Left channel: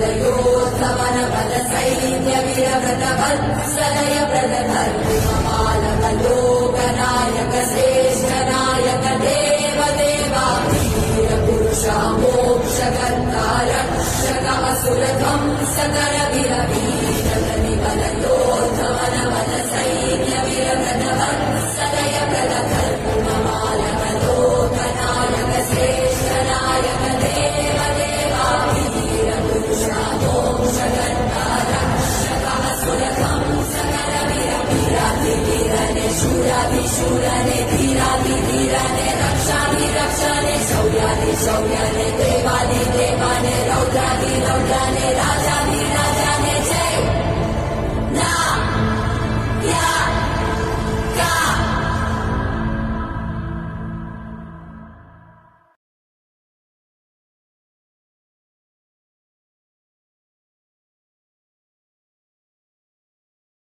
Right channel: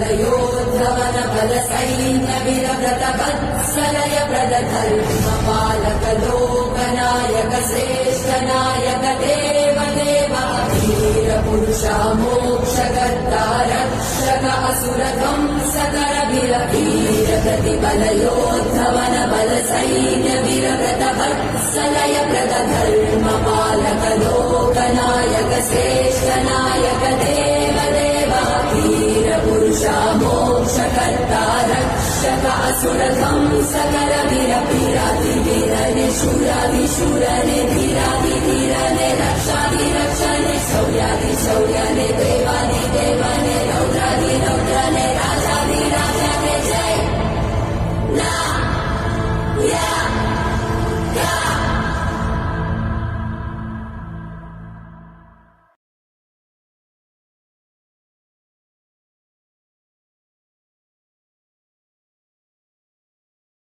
बलयोद्धवन बल सैन्य विरव्रत वत्सलय प्रदधर्मपालक लोकनायक श्रेष्ठ नायक देव देवा वीर पुरुषा मोक्षकर्ता रक्षक असुर ध्वंसकर वीर वीर प्रतिबलयोद्धवन बल सैन्य विरव्रत वत्सलय प्रदधर्मपालक लोकनायक श्रेष्ठ नायक देव देवा वीर पुरुषा मोक्षकर्ता रक्षक असुर ध्वंसकर वीर वीराधिवीर निशूराधिशूर धीराधिधीर रक्षाधिरक्षणे शौर्याधिशौर्यने देवानि